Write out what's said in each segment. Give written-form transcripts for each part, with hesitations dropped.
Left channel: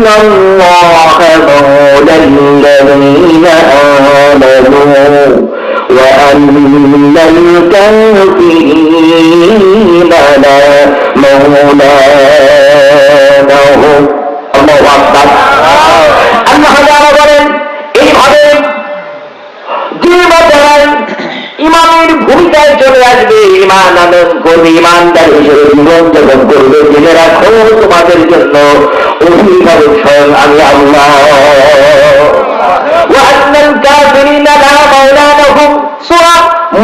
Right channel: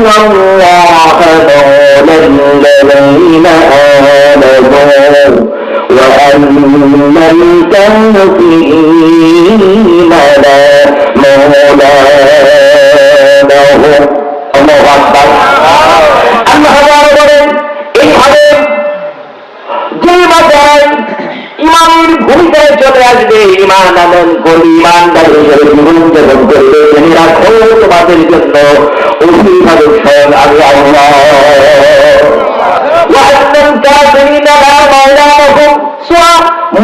আল্লাহ মাওলাল্লাযীনা আমানু ওয়া আন্নাল কাফিরিনা লা মাওলা লাহুম। আল্লাহু আকবার। আল্লাহ তাআলা বলেন এইভাবে যে বাজার ইমানের ভূমিকায় চলে আসবে, ইমান আনয়ন করবে, ইমানদার হিসেবে জীবন যাপন করবে, জেনে রাখো তোমাদের জন্য অভিভাবক স্বয়ং আমি আল্লাহ। ওয়ান্নাল কাফিরিনা লা মাওলা লাহুম। সূরা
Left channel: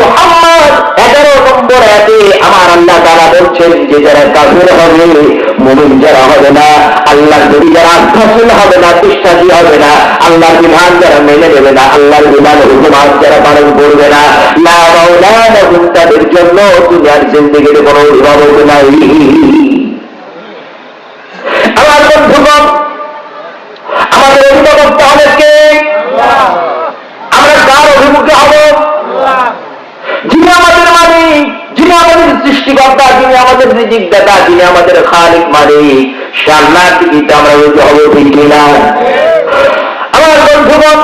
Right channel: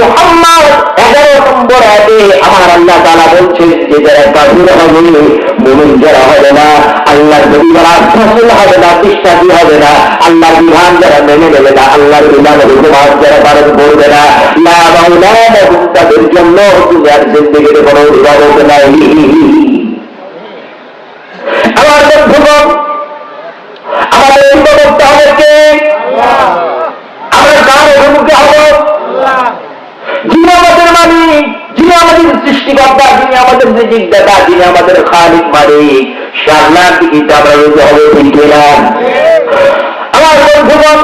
মুহাম্মদ 11 নম্বর আয়াতে আমার আল্লাহ তাআলা বলছেন যে যারা কাফির হবে, মুমিন যারা হবে না, আল্লাহর নবী যারা রাসূল হবে না, বিশ্বাসী হবে না, আল্লাহর বিধান যারা মেনে নেবে না, আল্লাহর বিধানের হুকুমাত যারা পালন করবে না, লা মাওলা লাহুম, তাদের জন্য দুনিয়ার জিন্দেগিতে কোনো অভিভাবক নাই। আমার বন্ধুগণ, আমাদের অভিভাবকটা হবে কে? আমরা কার অভিমুখে হব? যিনি আমাদের মালিক, যিনি আমাদের সৃষ্টিকর্তা, যিনি আমাদের রিজিকদাতা, যিনি আমাদের খালিক মালিক, সে আল্লাহর দিকে আমরা রুজু হব, ঠিক কিনা? আমার বন্ধুগণ,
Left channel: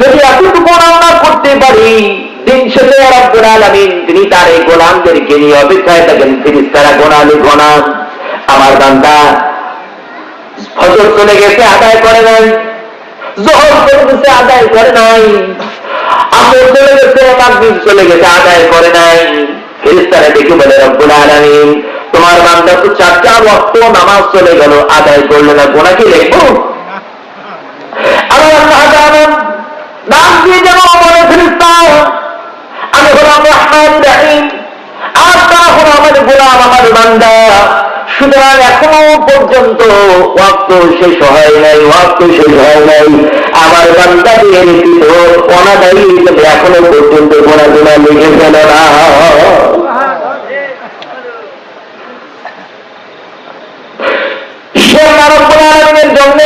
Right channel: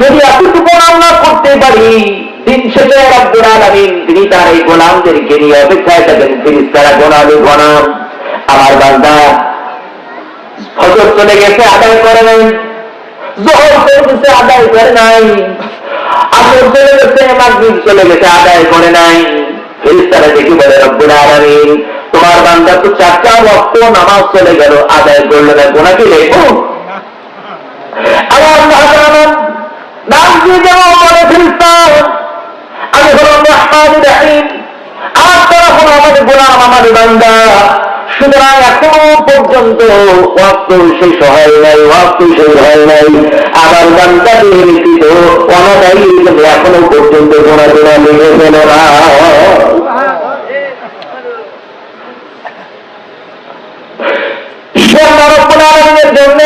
যদি এতটুকু আমরা করতে পারি, দিন শেষে রব্বুল আলামিন তিনি তার এই গোলামদেরকে নিয়ে অপেক্ষায় থাকেন, ফেরেশতারা গোনালে গোনান, আমার বান্দা ফজর চলে গেছে আদায় করে নাই, যোহর চলে গেছে আদায় করে নাই, আসর চলে গেছে, মাগরিব চলে গেছে আদায় করে নাই, ফেরেশতারা দেখে বলে রব্বুল আলামিন তোমার বান্দা তো 4টা ওয়াক্ত নামাজ চলে গেল, আদায় করলো না, গোনা কি লেখো? আল্লাহ জানেন নাম দিয়ে যেমন বলে ফেরেশতা আমি হলাম রহমানুর রহিম, আর তারা হলো আমার গোলাম, আমার বান্দা, সুতরাং এখনো পর্যন্ত ওয়াক্ত শেষ হয় নাই, ওয়াক্ত শেষ হয় নাই, আমার বান্দাদের কিন্তু অনাদায়ী এখনো পর্যন্ত গোনা গোনা লেগে ফেলে না। ঈশ্বর রব্বুল আলামিনের জন্য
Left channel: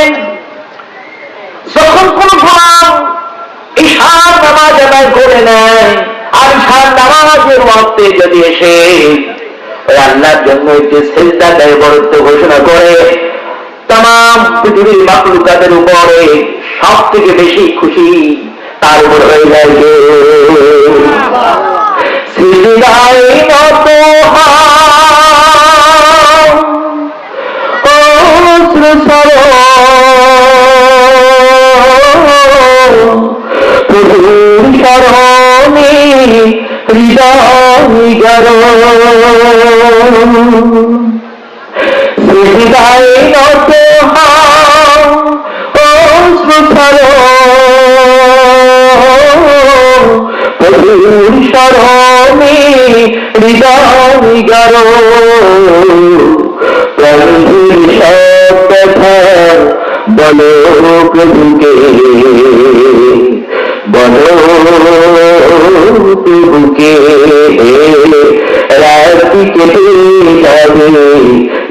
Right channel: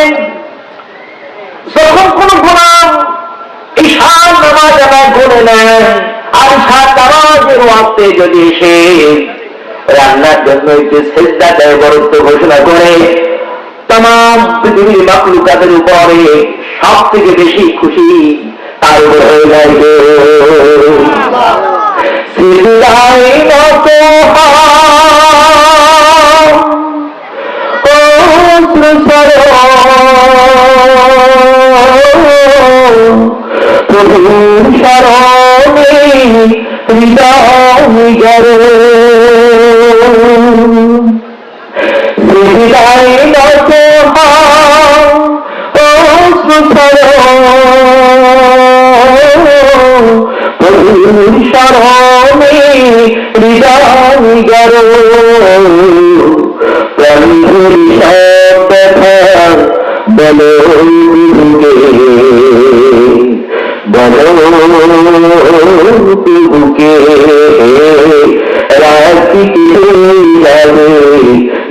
যখন কোন গোলাম ঈশান নামাজ আদায় করে নেয়, আর ঈশান নামাজের ওয়াক্তে যদি এসে আল্লাহর জন্য একটি সিজদা দেয়, বরত্ব ঘোষণা করে, তামাম পৃথিবীর মাখলুকাতের উপরে সব থেকে বেশি খুশি তার উপর হয়ে যায় যে সিজদায় নত প্রভুর শরণে হৃদয় গরো, হৃদয় নত হও অশ্রুসর, প্রভুর শরণে হৃদয় গরো, প্রভুর সব কথা বলো প্রভুকে, বলো প্রভুকে, রাত্রি কেটে যাবে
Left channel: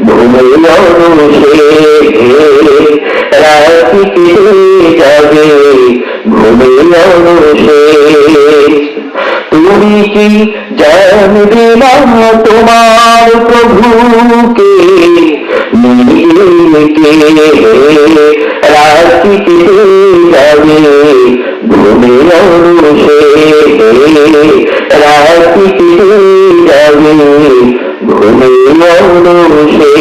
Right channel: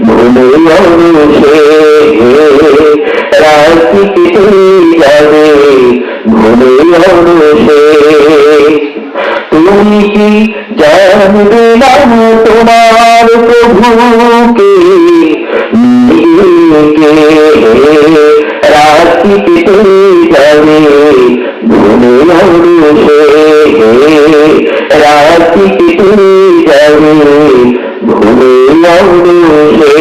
ঘুমে অনুষে, রাত্রি কেটে যাবে ঘুমে অনুষে, তুমি কি জানবে না তোমার প্রভুকে, রাত্রি কেটে যাবে ঘুমে অনুষে, রাত্রি কেটে যাবে ঘুমে অনুষে।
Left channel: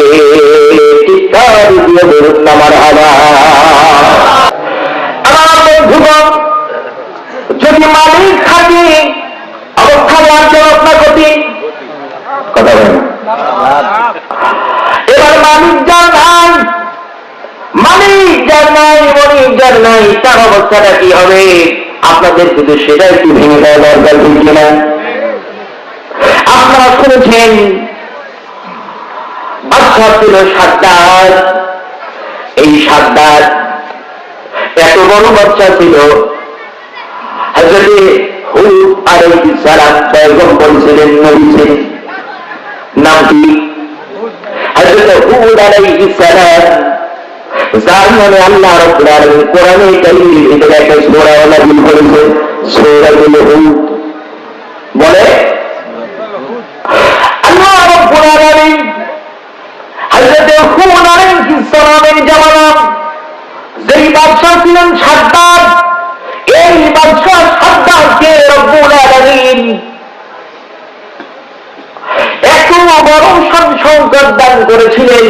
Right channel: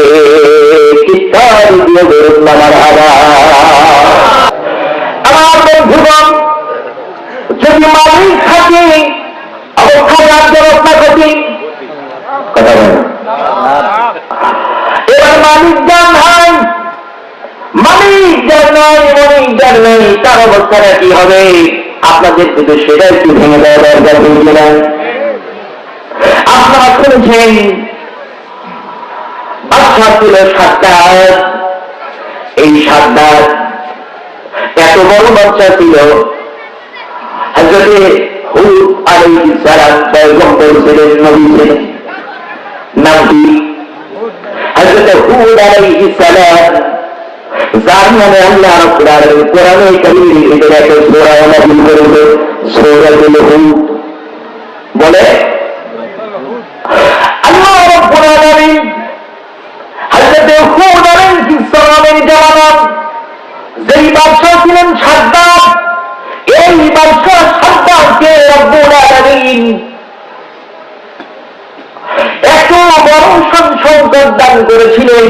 চিৎকার দিয়ে বলুন না মারহাবা। আমার বন্ধুগণ, যদি মালিক থাকে অবস্থা রাজ্যের অবস্থা কঠিন, কথা বলেন, এবার মালিক যার নাই, মালিক যার নাই, মালিক যার নাই, তার অবস্থাটা কি হবে? আপনাদের কিন্তু সেটা একটু ভেঙে দেওয়া দরকার, বুঝছে না? আপনারা শুনেছেন বাদশা ছিল সাদ্দাত, এই সাদ্দাত এত বড় বাচ্চা ছিল, হযরতে হুদ আলাইহিস সালাম পয়গম্বর ছিলেন, নবী ছিলেন, নাম কি? হযরতে হুদ আলাইহিস সালাম, যার নামে আল্লাহ রাব্বুল আলামিন কোরআনে কারীমের ভিতরে একটা সূরা নাযিল করেছেন, সূরাতুল হুদ। বলে আল্লাহ রাব্বুল আলামিন হযরতে হুদ আলাইহিস সালামের জামানা বাদশা ছিলেন সাদ্দাত। এই বাদশা সাদ্দাতকে রব্বুল আলামিন এত বড় সম্পদ দান করেছিলেন,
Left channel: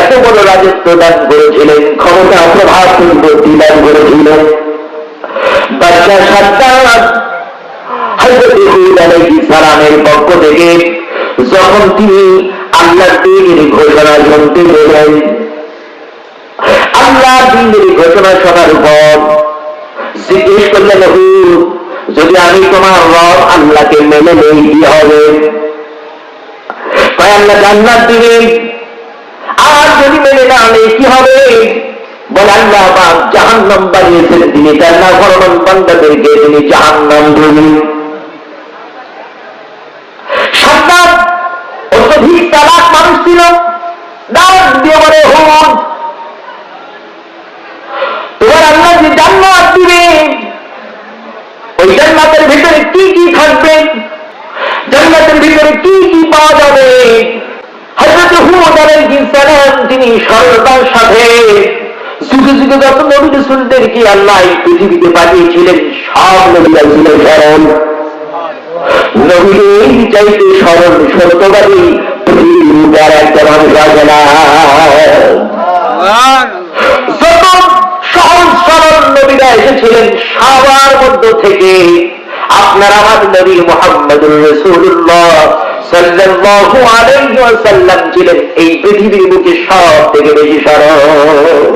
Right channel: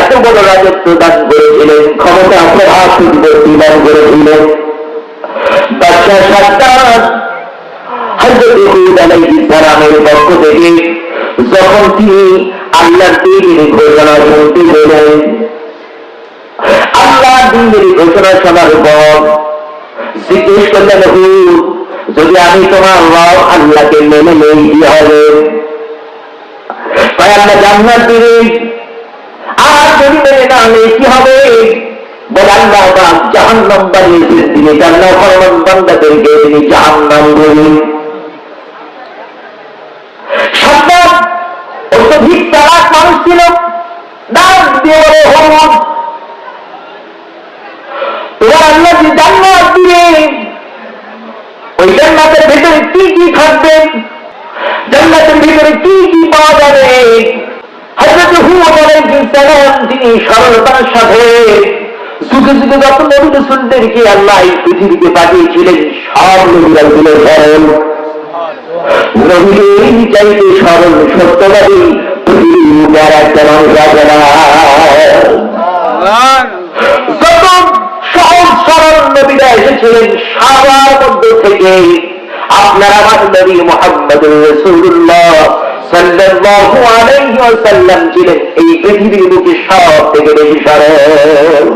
এত বড় রাজত্ব দান করেছিলেন, ক্ষমতা প্রভাব প্রতিপত্তি দান করেছিলেন। বাদশা সাদ্দাত হযরত হুদ আলাইহিস সালামের পক্ষ থেকে যখন তিনি আল্লাহর দ্বীনের ঘোষণা শুনতে পেলেন, আল্লাহর দ্বীনের ঘোষণা শোনার পর জিজ্ঞেস করলেন, হুদ, যদি আমি তোমার রব আল্লাহকে মেনে নেই কি হবে? তাই আল্লাহ জান্নাত দিবেন, আর যদি মেনে না নেই কি হবে? বলে আল্লাহ পাক জাহান্নাম বানিয়েছেন, তিনি তার নাফরমান বান্দাদেরকে তিনি জাহান্নাম দেবেন। সাদ্দাত অত্যধিক চালাক মানুষ ছিল, ডাক দিয়ে বলে, হুদ, তোমার আল্লাহ যে জান্নাত দিবেন, ওই জান্নাতের ভিতরে কি কি থাকবে, জান্নাতের ভিতরে কি কি পাওয়া যাবে? হযরত হুদ আলাইহিস সালাম তিনি সরলতার সাথে যুগে যুগে যত নবী রাসূলদেরকে আল্লাহ এই পৃথিবীতে পাঠিয়েছিলেন, সব নবীরা ছিল সরল। নবীর চাইতে সরল সত্যবাদী পৃথিবীর আর একটা মানুষ আছে না। যত সহজ সরল নবীরা এসেছিলেন, সবার মধ্য থেকে আপনার আমার নবী মুহাম্মদুর রাসূলুল্লাহ সাল্লাল্লাহু আলাইহি ওয়াসাল্লাম ছিলেন এই পৃথিবীর বুকে সব থেকে বেশি সরল।